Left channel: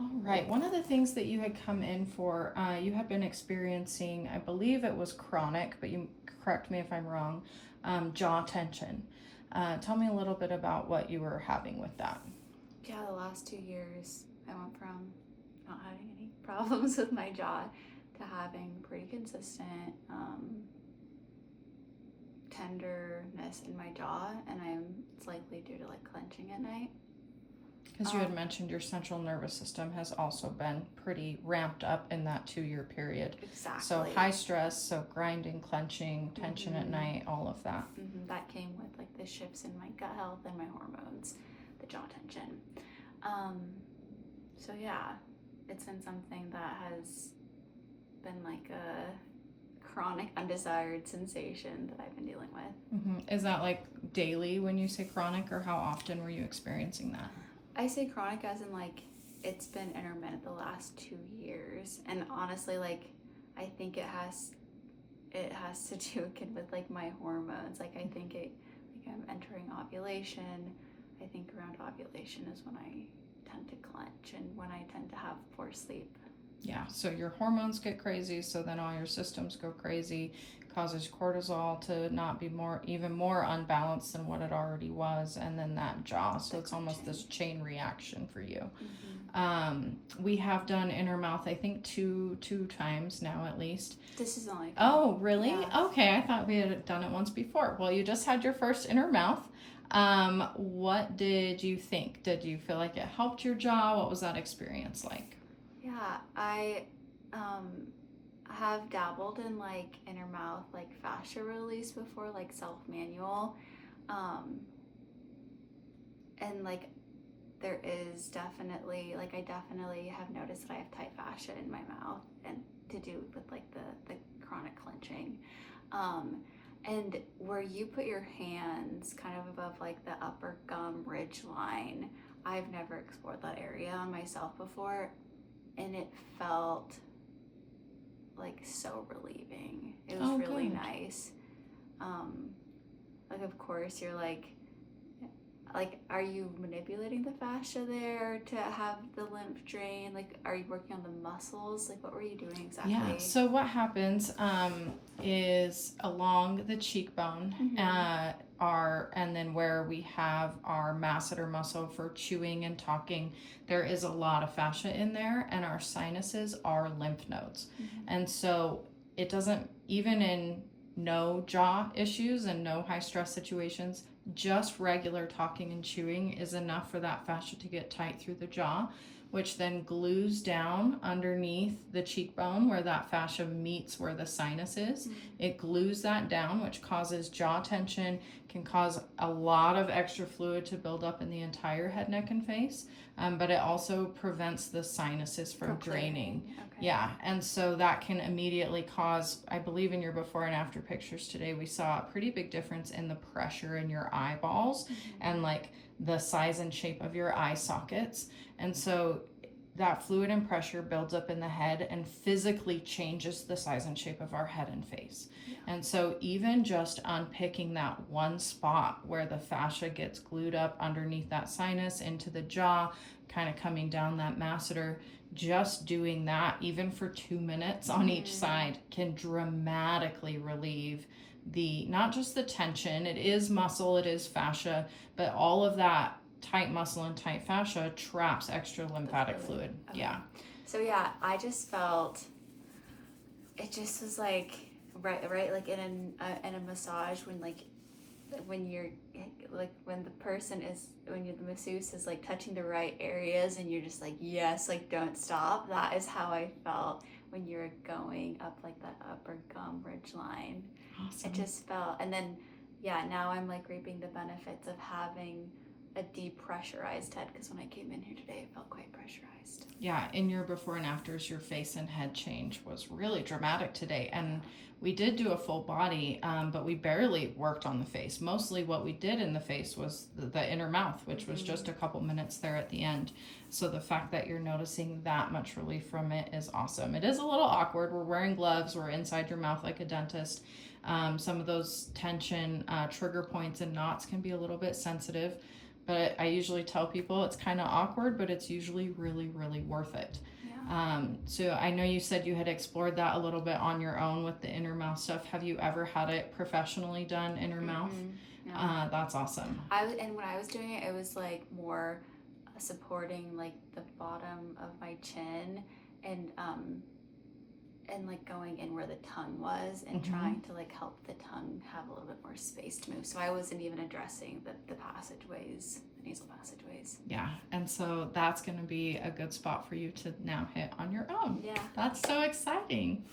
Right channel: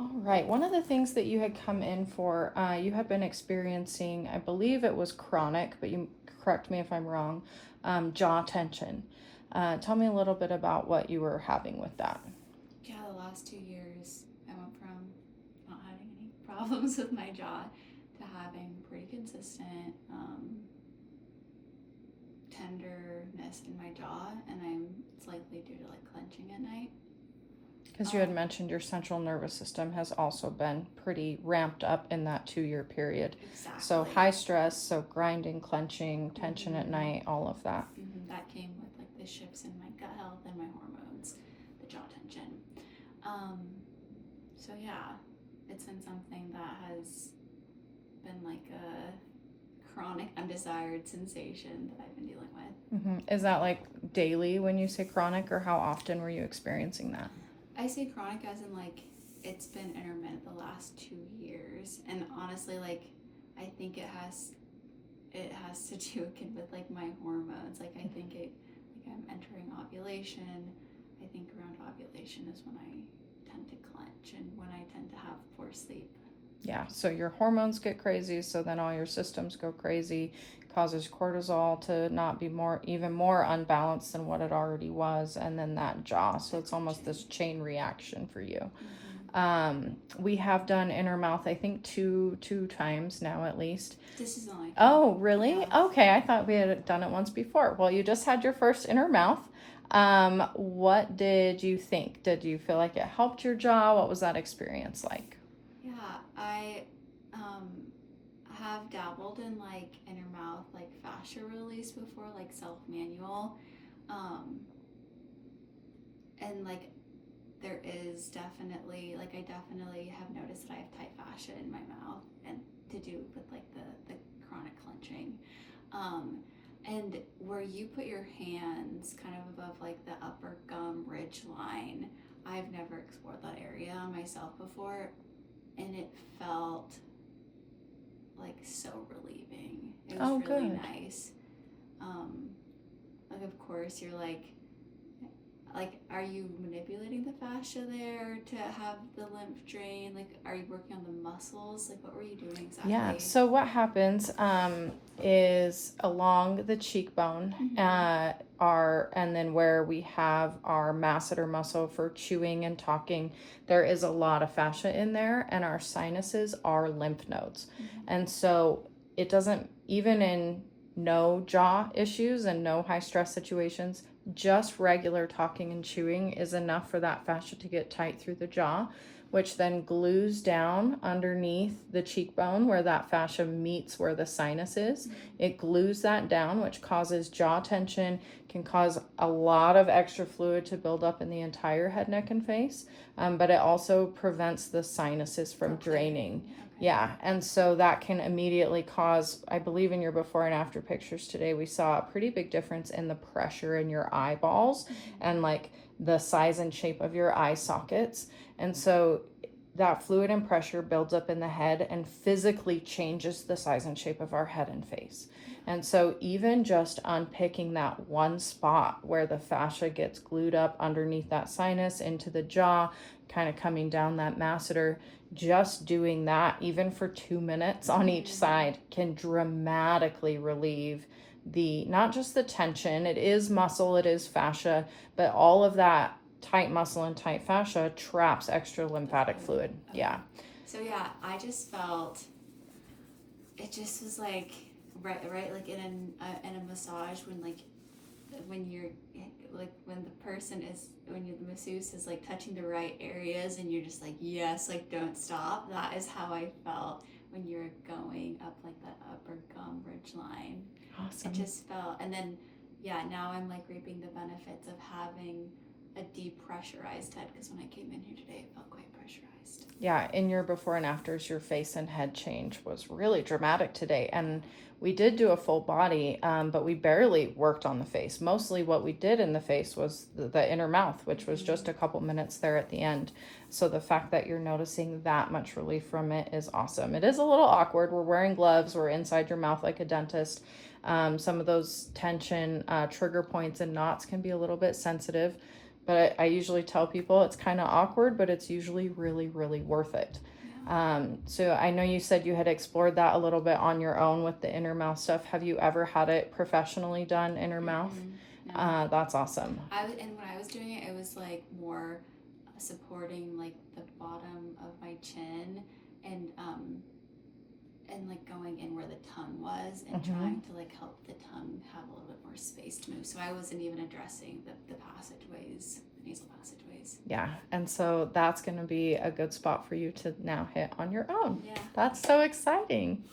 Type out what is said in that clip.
All right. One of the things that you had come in for, you had been experiencing, I believe it was chronic, but you correct me if I'm wrong, jaw tension. Tell me a little bit about what you were having with that. Yeah, the last 2 years, I went from not having any problems with my jaw to having pretty consistent tenderness in my jaw, and it's likely due to like clenching at night. Because you had mentioned your central nervous system has also been pretty ramped up in that 2 year period. Exactly. So high stress, so grinding, clenching, tension at night, all of that. That came with like the shifts in my gut health and my hormones, the jaw tension. So yeah, it's been something that has been like a chronic undesired sensation that I've been dealing with. Is that like daily when you say chronic, or how often were you experiencing that? I say chronic as in like it's been intermittent the last 2 years, and honestly, like I think it has to do again with like my hormones. Like I think I'm entering ovulation. I think around ovulation is when I tend to clench and when I tend to have poor sleep. Yeah, so your hormones get crazy, so then all your systems go crazy, causes cortisol to not be even more unbalanced than what it already was, and then that jaw. So it's almost this chain reaction for you. We have done inner mouth, I think two times now at least. This is only. Oh, really? Yeah. Okay, I thought we had done it once before. Well, you just had your first inner mouth. What did you think? Did you feel like it helped your jaw? What was that experience like? Yeah, I have dabbled in like inner mouth like fascia release before, like self manual, and like there is definitely like I definitely have noticed that I have tight fascia in my mouth, and to do with like the chronic clenching, and where you put your hands kind of above like the upper gum ridge line. I've never explored that area on myself before, and it felt like so relieving. It was really good. nice. Like of course you're like are you manipulating the fascia there to have the lymph drain? Like are you working on the muscles? Like what were you doing exactly? Yeah, so what happens is along the cheekbone and then where we have our masseter muscle for chewing and talking, there is a lot of fascia in there, and our sinuses are lymph nodes. And so it doesn't, even in no jaw issues and no high stress situations, just regular talking and chewing is enough for that fascia to get tight through the jaw, which then glues down underneath the cheekbone where that fascia meets where the sinus is. It glues that down, which causes jaw tension, can cause a lot of extra fluid to build up in the entire head, neck, and face, but it also prevents the sinuses from draining. Okay. Yeah, and so that can immediately cause, I believe in your before and after pictures today, we saw a pretty big difference in the pressure in your eyeballs and like the size and shape of your eye sockets. And so that fluid and pressure builds up in the head and physically changes the size and shape of our head and face. Yeah. And so even just unpicking that one spot where the fascia gets glued up underneath that sinus into the jaw, kind of coming down that masseter, just doing that even for 2 minutes on each side can dramatically relieve not just the tension, it is muscle, it is fascia, but all of that tight muscle and tight fascia traps extra lymphatic fluid. Okay. Yeah. So yeah, I just felt it just was like right like in a massage when you're like when the masseuse is like touching the right areas and you're just like yes, like don't stop. That is how I felt when you were going up like that upper gum ridge line. Awesome. It just felt, and then yeah, now I'm like reaping the benefits of having a depressurized head, because when I came in here today it felt quite pressurized. Yeah, in your before and afters, your face and head change was really dramatic today, and we did do a full body, but we barely worked on the face. Mostly what we did in the face was the inner mouth, which was just a couple minutes there at the end. So the fact that you're noticing that much relief from it is awesome. It is a little awkward. We're wearing gloves. We're inside your mouth like a dentist. Some of those tension trigger points and knots can be a little bit sensitive, but I usually tell people it's kind of awkward, but it's usually really, really worth it. So I know you said you had explored that a little bit on your own with the inner mouth stuff. Have you ever had it professionally done, inner mouth? No. That's awesome. And when I was doing it, it was like more supporting like the bottom of my chin and like going in where the tongue was and trying to like help the tongue have a little bit more space to move. So I wasn't even addressing the passageways, the nasal passageways. Yeah, and so that's going to be a good spot for you to now hit on your own. Yeah. That's so exciting.